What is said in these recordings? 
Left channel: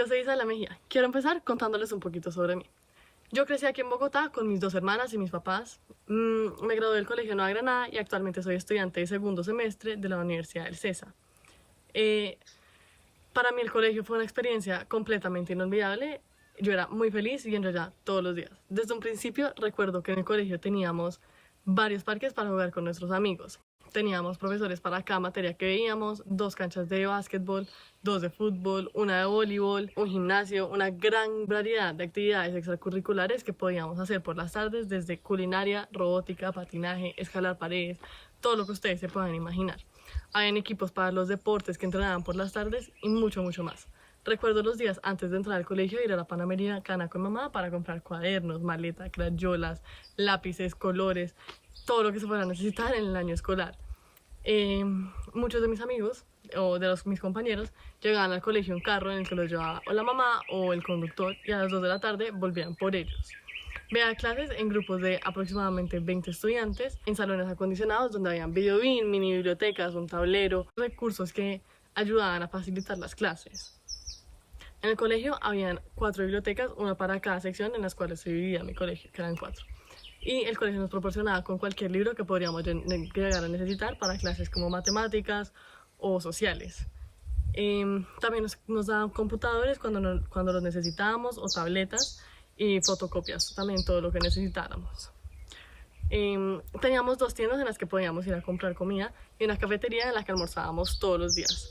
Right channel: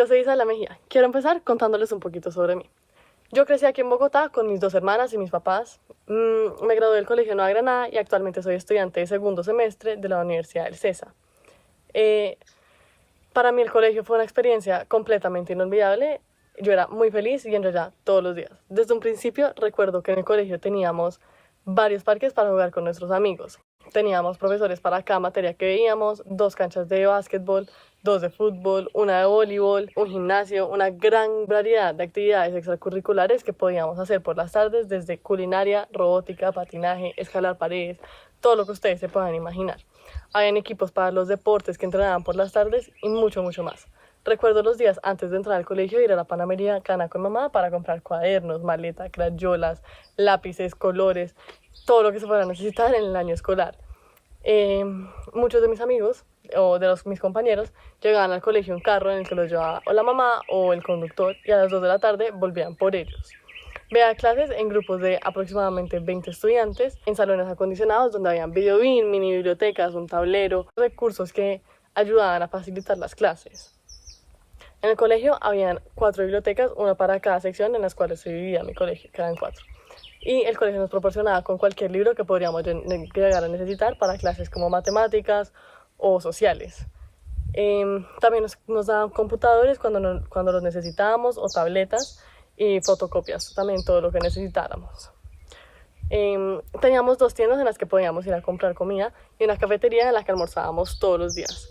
Yo soy Isabela Mejía. Quiero empezar contándoles un poquito sobre mí. Yo crecí aquí en Bogotá con mis dos hermanas y mis papás. Me gradué del Colegio Nueva Granada y actualmente soy estudiante de segundo semestre de la Universidad del CESA. Para mí el colegio fue una experiencia completamente inolvidable. Yo era muy feliz yendo allá todos los días. Desde un principio recuerdo que en el colegio teníamos varios parques para jugar con nuestros amigos. Teníamos profesores para cada materia que veíamos, 2 canchas de básquetbol, 2 de fútbol, una de voleibol, un gimnasio, una gran variedad de actividades extracurriculares que podíamos hacer por las tardes, desde culinaria, robótica, patinaje, escalar paredes, todo lo que ustedes se puedan imaginar. Habían equipos para los deportes que entrenaban por las tardes y mucho, mucho más. Recuerdo los días antes de entrar al colegio ir a la Panamericana con mamá para comprar cuadernos, maleta, crayolas, lápices, colores, todo lo que se fuera a necesitar en el año escolar. Muchos de mis amigos o de mis compañeros llegaban al colegio en carro en el que los llevaba o la mamá o el conductor y a las 2 de la tarde volvían por ellos. Veía clases en grupos de aproximadamente 20 estudiantes en salones acondicionados donde habían videobeam, mini bibliotecas, un tablero, recursos que ayudaban a facilitar las clases. En el colegio habían 4 bibliotecas, una para cada sección en las cuales se dividía mi colegio, que eran 4. Y el colegio nos proporcionaba con cualquier libro que podríamos llegar a necesitar para clases como matemáticas o sociales. También nos daban computadores cuando los necesitábamos, o tabletas y fotocopias, también todo lo que necesitáramos. Teníamos 2 tiendas en las que podíamos ir a comprar comida y una cafetería en la que almorzábamos todos los días.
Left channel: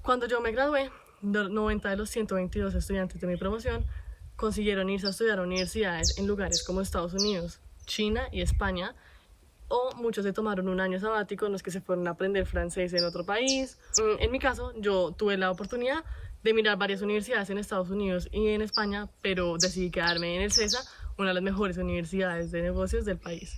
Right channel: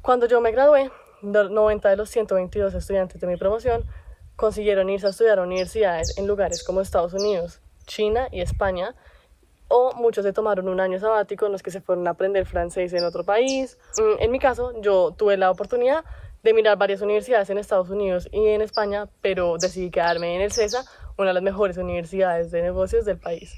Cuando yo me gradué, 90 de los 122 estudiantes de mi promoción consiguieron irse a estudiar a universidades en lugares como Estados Unidos, China y España, o muchos se tomaron un año sabático en los que se fueron a aprender francés en otro país. En mi caso, yo tuve la oportunidad de mirar varias universidades en Estados Unidos y en España, pero decidí quedarme en el CESA, una de las mejores universidades de negocios del país.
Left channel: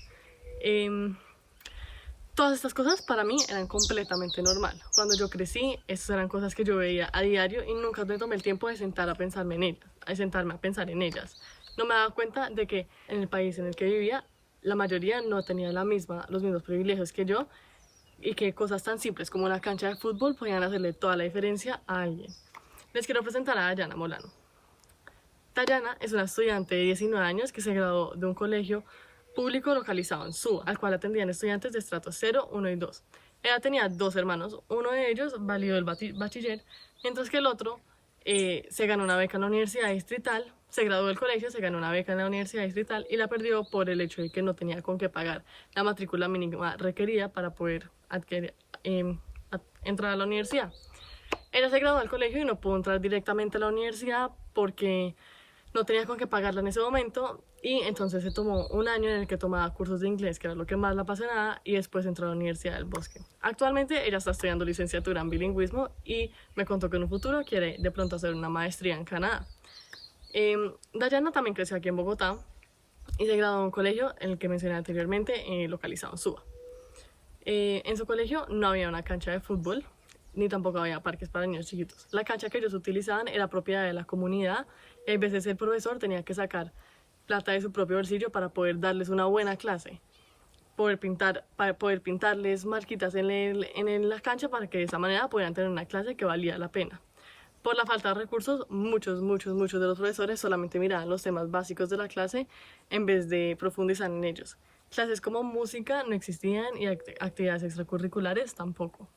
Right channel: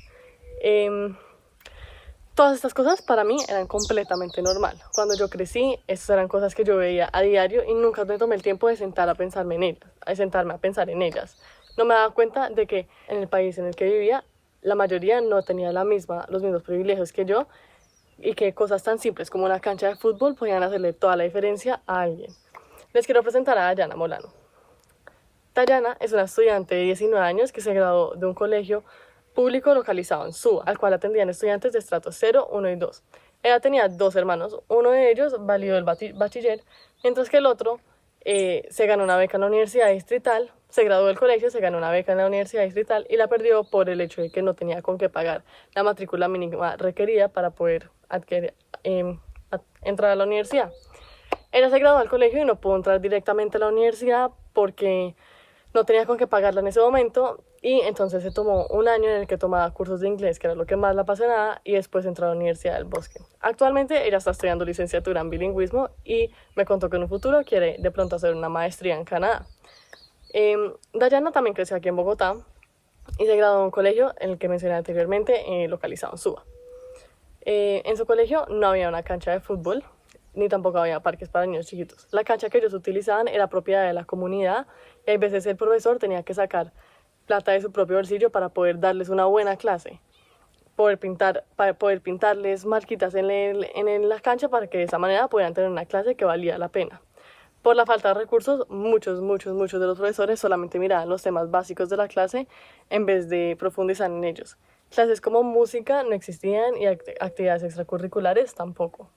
Todas estas cosas para mí eran completamente normal. Cuando yo crecí, estas eran cosas que yo veía a diario y nunca me tomé el tiempo de sentarme a pensar en ellas. No me daba cuenta de que en el país en el que vivía, la mayoría no tenía los mismos privilegios que yo y que cosas tan simples como una cancha de fútbol podían hacerle toda la diferencia a alguien. Les quiero presentar a Dayana Molano. Dayana es una estudiante de 19 años que se graduó de un colegio público localizado en Suba, al cual atendían estudiantes de estratos 0, 1 y 2. Ella tenía 2 hermanos, uno de ellos validó el bachiller, mientras que el otro se ganó una beca en la Universidad Distrital, se graduó del colegio, se ganó una beca en la Universidad Distrital y la perdió por el hecho de que no tenía con qué pagar la matrícula mínima requerida para poder entrar a la universidad. Ella se graduó del colegio y no pudo entrar directamente a la universidad porque no tenía con qué pagarla en ese momento y entonces se tomó un año en el que tomaba cursos de inglés, que era lo que más la apasionaba, y después entró a la Universidad del Bosque. Actualmente ella está estudiando licenciatura en bilingüismo y me contó que en un futuro quiere de pronto hacer una maestría en Canadá. Dayana también creció aquí en Bogotá y se graduó en un colegio en el que mencioné anteriormente, localizado en Suba. En su colegio no había una cancha de fútbol, ni tampoco había parques para niños chiquitos. La cancha que ellos utilizaban era propiedad de la comunidad y a veces el profesor tenía que sacar plata de su propio bolsillo para poder darles una buena clase, para poder pintarles marquitas en la cancha para que de esa manera pudieran tener una clase que valía la pena. Por la falta de recursos, muchos de los profesores solamente miraban los temas básicos de la clase en vez de profundizar en ellos. Clases como música no existían y actividades extracurriculares tampoco.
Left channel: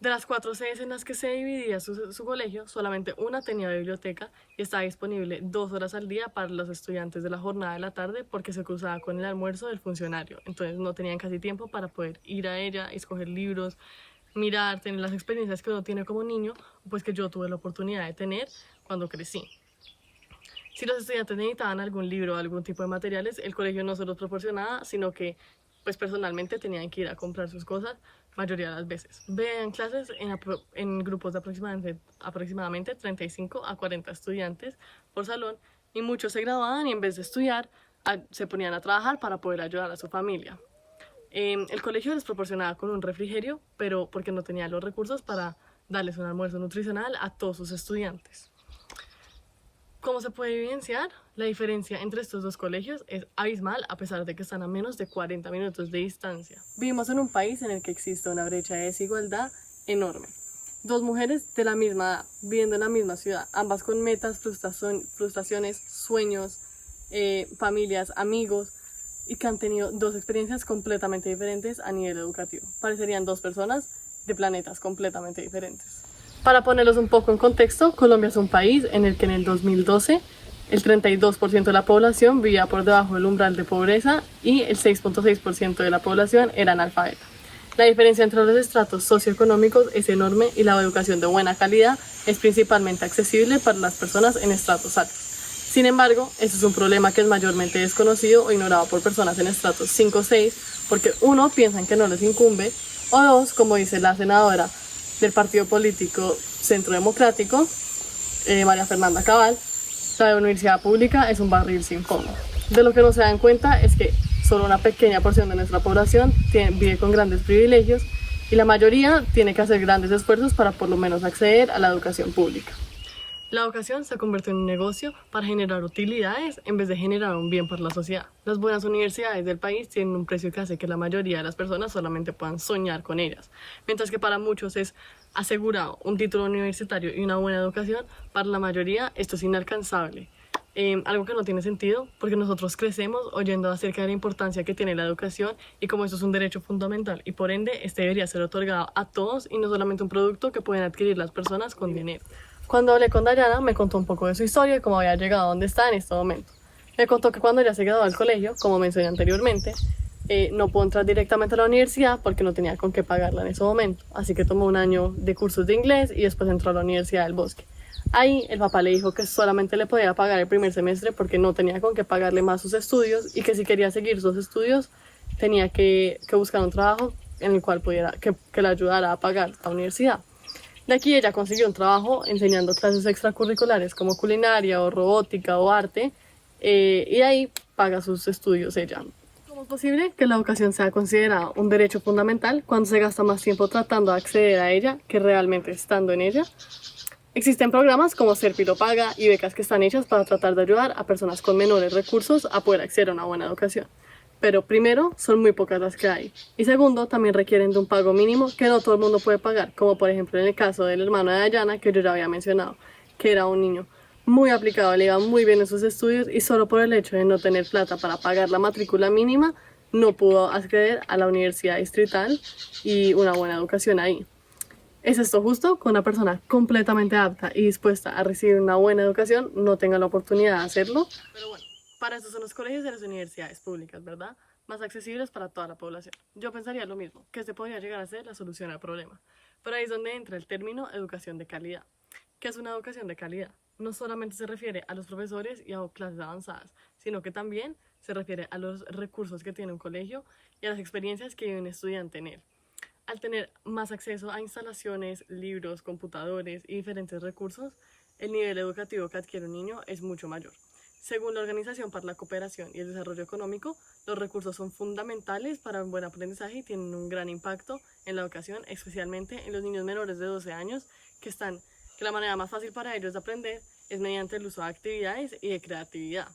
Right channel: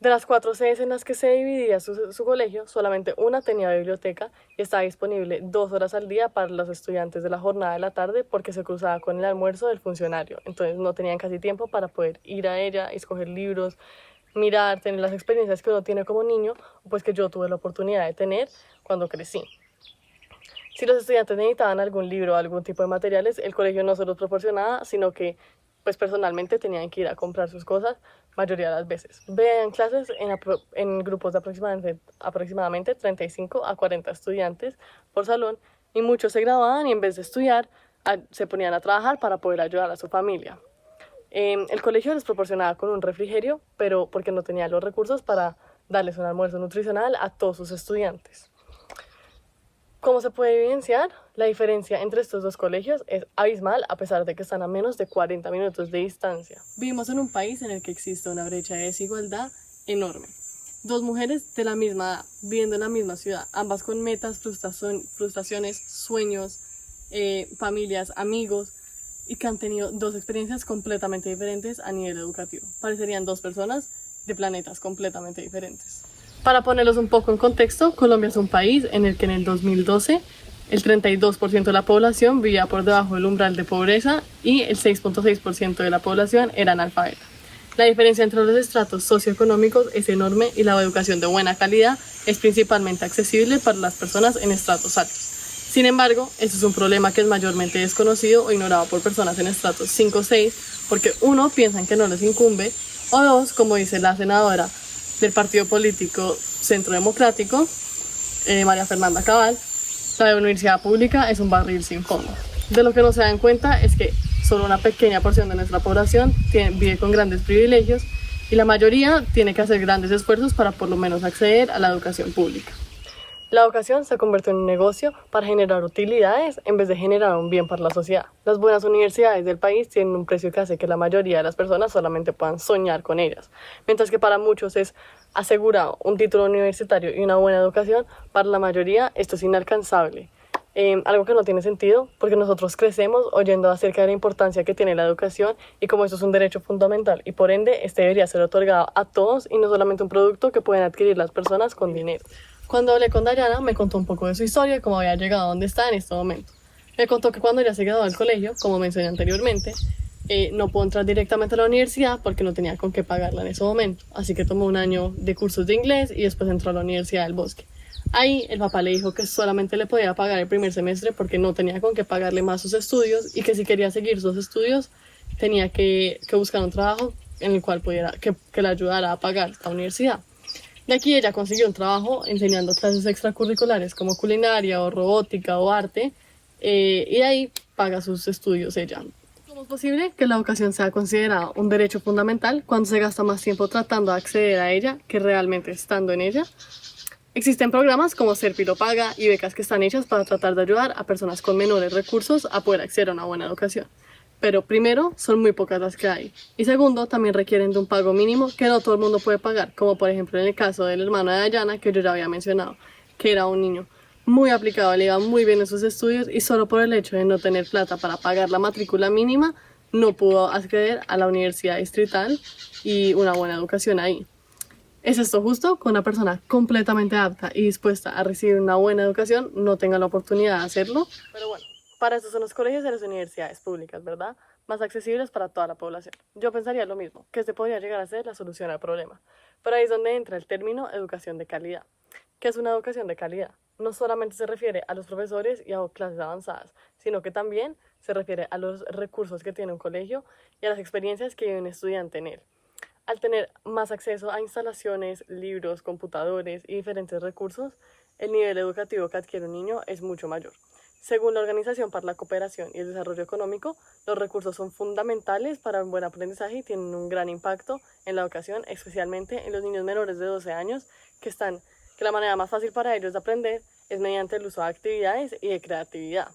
De las 4 sedes en las que se dividía su colegio, solamente una tenía biblioteca y estaba disponible 2 horas al día para los estudiantes de la jornada de la tarde porque se cruzaba con el almuerzo del funcionario. Entonces no tenían casi tiempo para poder ir a ella, escoger libros, mirar, tener las experiencias que uno tiene como niño, pues que yo tuve la oportunidad de tener cuando crecí. Si los estudiantes necesitaban algún libro o algún tipo de materiales, el colegio no se los proporcionaba, sino que pues personalmente tenían que ir a comprar sus cosas mayoría de las veces. Veían clases en grupos de aproximadamente 35 a 40 estudiantes por salón y muchos se graduaban y en vez de estudiar se ponían a trabajar para poder ayudar a su familia. El colegio les proporcionaba con un refrigerio, pero porque no tenía los recursos para darles un almuerzo nutricional a todos sus estudiantes. Como se puede evidenciar, la diferencia entre estos 2 colegios es abismal a pesar de que están a menos de 40 minutos de distancia. Vivimos en un país en el que existe una brecha de desigualdad enorme. Dos mujeres de la misma edad, viviendo en la misma ciudad, ambas con metas, frustraciones, sueños, familias, amigos, y que han tenido dos experiencias completamente diferentes a nivel educativo. Parecerían dos personas de planetas completamente diferentes. Para ponerlos un poco en contexto, Colombia es un país en el que en el 2012 el 32% de la población vivía por debajo del umbral de pobreza y el 6.6% de la población era analfabeta. La diferencia entre los estratos socioeconómicos es enorme y la educación de buena calidad es principalmente accesible para las personas en estratos altos. Sin embargo, este es un problema que es mayormente desconocido o ignorado por personas en estratos 5 o 6 porque uno, piensan que no les incumbe, o dos, como dice la senadora del partido político Centro Democrático, María Fernanda Cabal, la universidad pública es un barril sin fondo. De lo que no se dan cuenta es que solo una pequeña porción de nuestra población vive con grandes privilegios y la mayoría tiene que hacer grandes esfuerzos para por lo menos acceder a la educación pública. La educación se convierte en un negocio para generar utilidades en vez de generar un bien para la sociedad. Las buenas universidades del país tienen un precio que hace que la mayoría de las personas solamente puedan soñar con ellas, mientras que para muchos es asegurado un título universitario y una buena educación, para la mayoría esto es inalcanzable. Algo que no tiene sentido porque nosotros crecemos oyendo acerca de la importancia que tiene la educación y como esto es un derecho fundamental y por ende este debería ser otorgado a todos y no solamente un producto que pueden adquirir las personas con dinero. Cuando hablé con Dayana me contó un poco de su historia y cómo había llegado a donde está en este momento. Me contó que cuando ella se graduó del colegio, como mencioné anteriormente, no pudo entrar directamente a la universidad porque no tenía con qué pagarla en ese momento. Así que tomó un año de cursos de inglés y después entró a la Universidad del Bosque. Ahí el papá le dijo que solamente le podía pagar el primer semestre porque no tenía con qué pagarle más sus estudios y que si quería seguir sus estudios tenía que buscar un trabajo en el cual pudiera, que le ayudara a pagar la universidad. De aquí ella consiguió un trabajo enseñando clases extracurriculares como culinaria o robótica o arte y de ahí paga sus estudios ella. ¿Cómo es posible que la educación sea considerada un derecho fundamental cuando se gasta más tiempo tratando de acceder a ella que realmente estando en ella? Existen programas como Serpi lo paga y becas que están hechas para tratar de ayudar a personas con menores recursos a poder acceder a una buena educación. Pero primero, son muy pocas las que hay. Y segundo, también requieren de un pago mínimo que no todo el mundo puede pagar, como por ejemplo en el caso del hermano de Dayana, que yo ya había mencionado, que era un niño muy aplicado, le iba muy bien en sus estudios y solo por el hecho de no tener plata para pagar la matrícula mínima, no pudo acceder a la universidad distrital y una buena educación ahí. ¿Es esto justo que una persona completamente apta y dispuesta a recibir una buena educación no tenga la oportunidad de hacerlo? Pero bueno, para eso son los colegios y las universidades públicas, ¿verdad? Más accesibles para toda la población. Yo pensaría lo mismo, que este podría llegar a ser la solución al problema. Pero ahí es donde entra el término educación de calidad. ¿Qué es una educación de calidad? No solamente se refiere a los profesores y a clases avanzadas, sino que también se refiere a los recursos que tiene un colegio y a las experiencias que vive un estudiante en él. Al tener más acceso a instalaciones, libros, computadores y diferentes recursos, el nivel educativo que adquiere un niño es mucho mayor. Según la Organización para la Cooperación y el Desarrollo Económico, los recursos son fundamentales para un buen aprendizaje y tienen un gran impacto en la educación, especialmente en los niños menores de 12 años, que la manera más fácil para ellos de aprender es mediante el uso de actividades y de creatividad.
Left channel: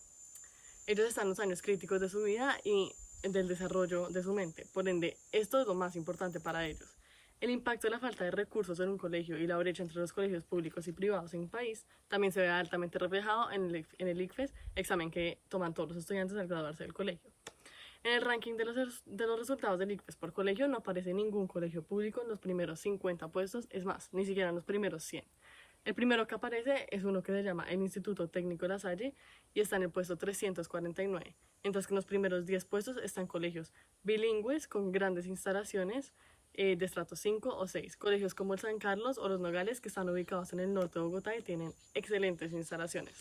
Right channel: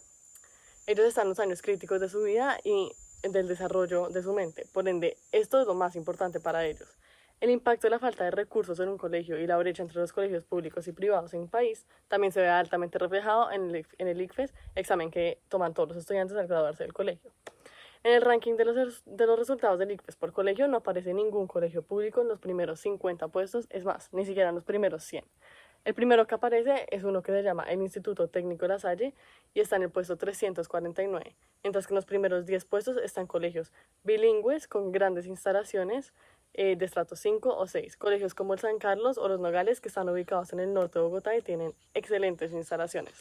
Ellos están en los años críticos de su vida y del desarrollo de su mente, por ende, esto es lo más importante para ellos. El impacto de la falta de recursos en un colegio y la brecha entre los colegios públicos y privados en un país también se ve altamente reflejado en el ICFES, examen que toman todos los estudiantes al graduarse del colegio. En el ranking de los resultados del ICFES por colegio no aparece ningún colegio público en los primeros 50 puestos, es más, ni siquiera en los primeros 100. El primero que aparece es uno que se llama el Instituto Técnico La Salle y está en el puesto 349, mientras que en los primeros 10 puestos están colegios bilingües con grandes instalaciones de estrato 5 o 6, colegios como el San Carlos o los Nogales que están ubicados en el norte de Bogotá y tienen excelentes instalaciones.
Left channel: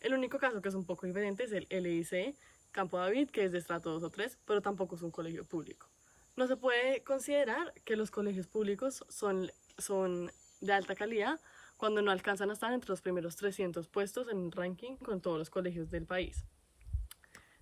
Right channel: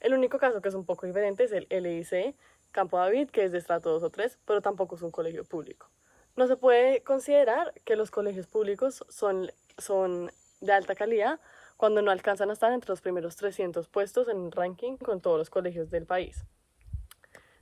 El único caso que es un poco diferente es el LIC Campo David, que es de estrato 2 o 3, pero tampoco es un colegio público. No se puede considerar que los colegios públicos son de alta calidad cuando no alcanzan a estar entre los primeros 300 puestos en el ranking con todos los colegios del país.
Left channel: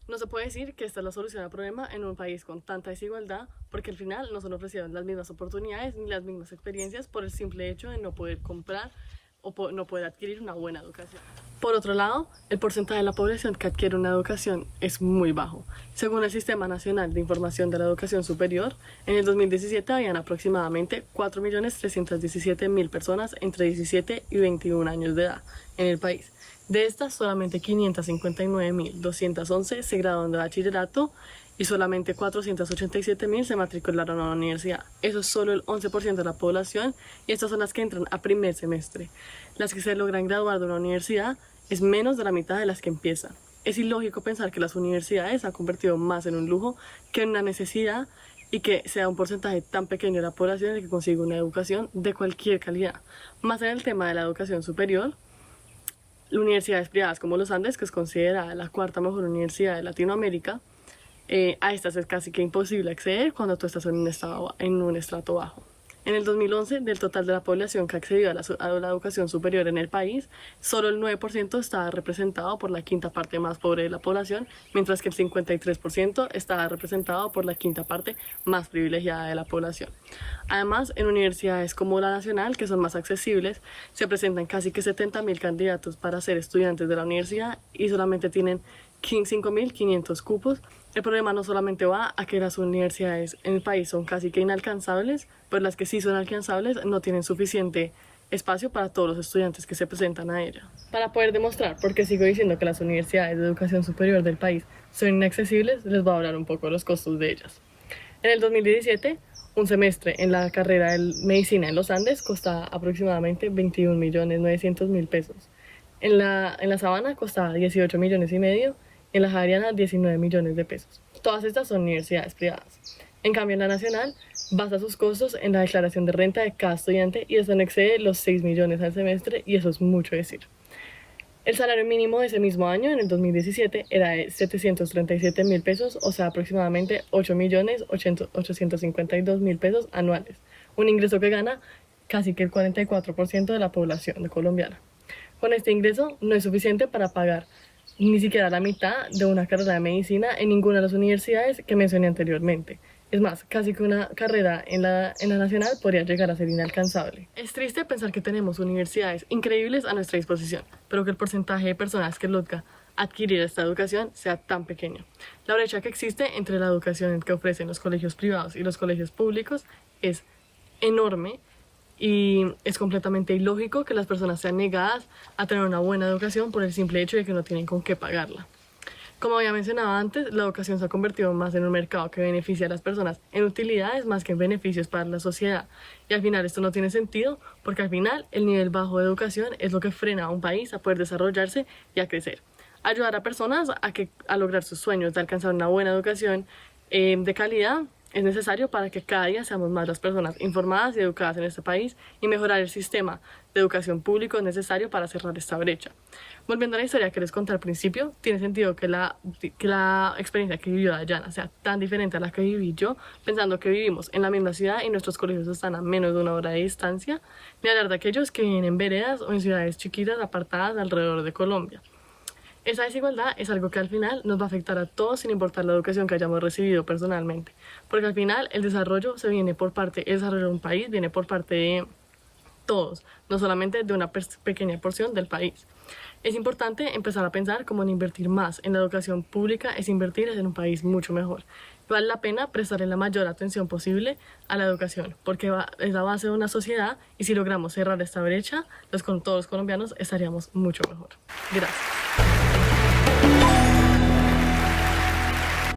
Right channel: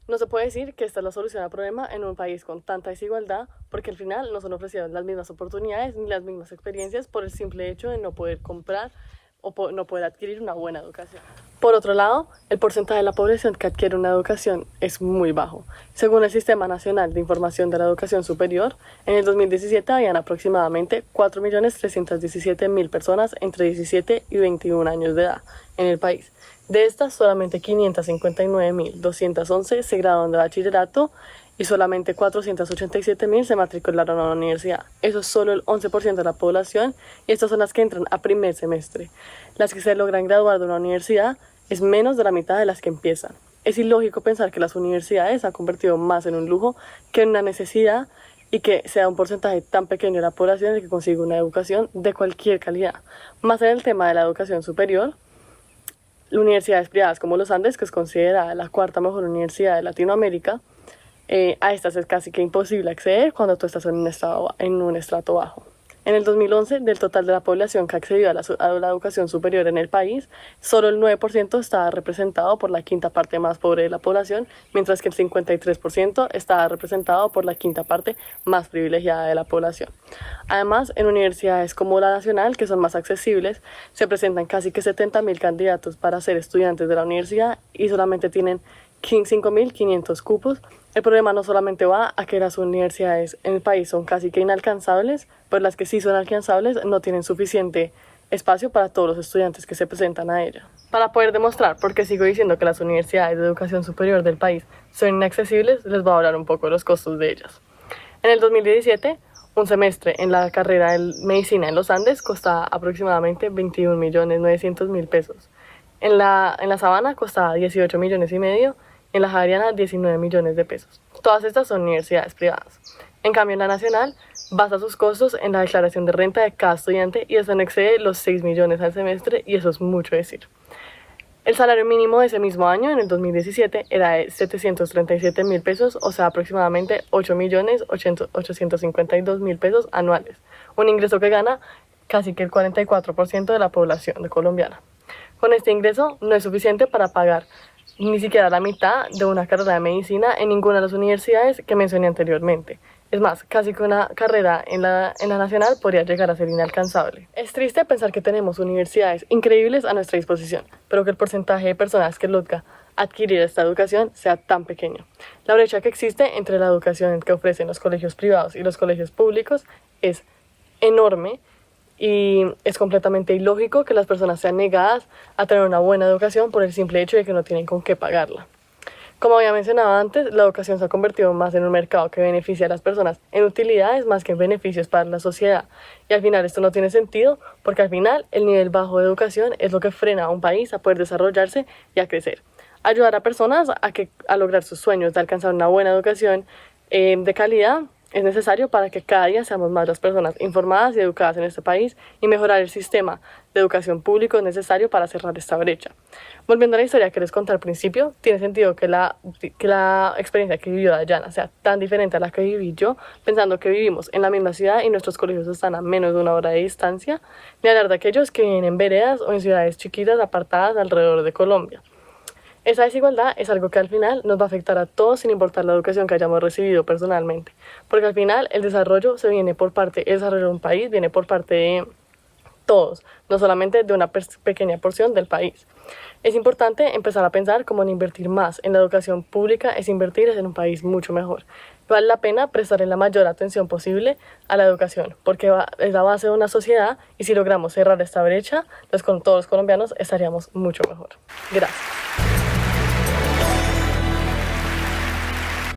No se puede decir que esta es la solución al problema en un país con tanta desigualdad, porque al final no son ofrecidas las mismas oportunidades ni las mismas experiencias por el simple hecho de no poder comprar o no poder adquirir una buena educación. Por otro lado, el porcentaje de la población que adquiere una educación es muy bajo. Según el Sistema Nacional de Información de la Educación Superior, en el 2017 habían aproximadamente 4.317.000 personas entre 17 y 21 años de edad en el país. De estas, solamente 559.211 se graduaron de bachillerato y solamente 487.000 se matricularon a la universidad. Eso es solo el 11% de la población y estas son las que entran a primer semestre. Las que se logran graduar de una universidad es menos de la mitad de las que empiezan. Es ilógico pensar que las universidades se han convertido más en un lujo que en una necesidad y que sea un porcentaje tan pequeño de la población el que consiga una educación de cualquier calidad. Más en el tema de la educación superior, universidades privadas como los Andes, que es considerada la cuarta mejor universidad de Latinoamérica, a estas es casi que imposible acceder cuando tú estás en un estrato bajo. En el 2011, del total de la población que accedió a la educación superior en el país, solo el 9% estaba representado por la quinta parte más pobre de la población, mientras que el 53% estaba representado por la quinta parte más privilegiada de la población. Además, en universidades como la Nacional, que son más accesibles, se presentan casi que 70.000 candidatos para ser estudiantes de la universidad y solamente tienen 5.500 cupos. El problema no solamente va a que las universidades en el país son casi que inalcanzables, pues las que sí son alcanzables no tienen suficiente espacio para todos los estudiantes que se presentan a ella. Para poder demostrar por qué sigo diciendo que las universidades de educación superior del país son inaccesibles, les voy a hablar un poco de los costos de ellas. En el 2017, un semestre en la carrera de medicina en los Andes costaba aproximadamente 21.900.000 pesos. En la Sabana costaba 18 millones y medio. En la Javeriana 19 millones de pesos. Todas estas son universidades privadas. En cambio, en la Nacional basa sus costos en la declaración de renta de cada estudiante y eso no excede los 6 millones al semestre y eso es mucho decir. El salario mínimo de ese mismo año, en el 2017, era de 737.000 pesos, o sea, aproximadamente 8.852.000 pesos anuales. Un ingreso que gana casi que el 44% de la población colombiana. Con este ingreso no es suficiente para pagar ni siquiera la mitad de una carrera de medicina en ninguna de las universidades que mencioné anteriormente. Es más, casi que una carrera en la Nacional podría llegar a ser inalcanzable. Es triste pensar que tenemos universidades increíbles a nuestra disposición, pero que el porcentaje de personas que logra adquirir esta educación sea tan pequeño. La brecha que existe entre la educación que ofrecen los colegios privados y los colegios públicos es enorme. Y es completamente ilógico que las personas sean negadas a tener una buena educación por el simple hecho de que no tienen con qué pagarla. Como había mencionado antes, la educación se ha convertido más en un mercado que beneficia a las personas en utilidades más que en beneficios para la sociedad. Y al final esto no tiene sentido porque al final el nivel bajo de educación es lo que frena a un país a poder desarrollarse y a crecer. Ayudar a personas a lograr sus sueños de alcanzar una buena educación de calidad es necesario para que cada día seamos más las personas informadas y educadas en este país y mejorar el sistema de educación público es necesario para cerrar esta brecha. Volviendo a la historia que les conté al principio, tiene sentido que la experiencia que vivió Dayana sea tan diferente a la que viví yo, pensando que vivimos en la misma ciudad y nuestros colegios están a menos de 1 hora de distancia, ni hablar de aquellos que viven en veredas o en ciudades chiquitas apartadas alrededor de Colombia. Esa desigualdad es algo que al final nos va a afectar a todos sin importar la educación que hayamos recibido personalmente, porque al final el desarrollo de un país viene por parte de todos, no solamente de una pequeña porción del país. Es importante empezar a pensar cómo invertir más en la educación pública es invertir en un país mucho mejor. Vale la pena prestarle la mayor atención posible a la educación, porque es la base de una sociedad y si logramos cerrar esta brecha, todos los colombianos estaríamos mucho mejor. Gracias.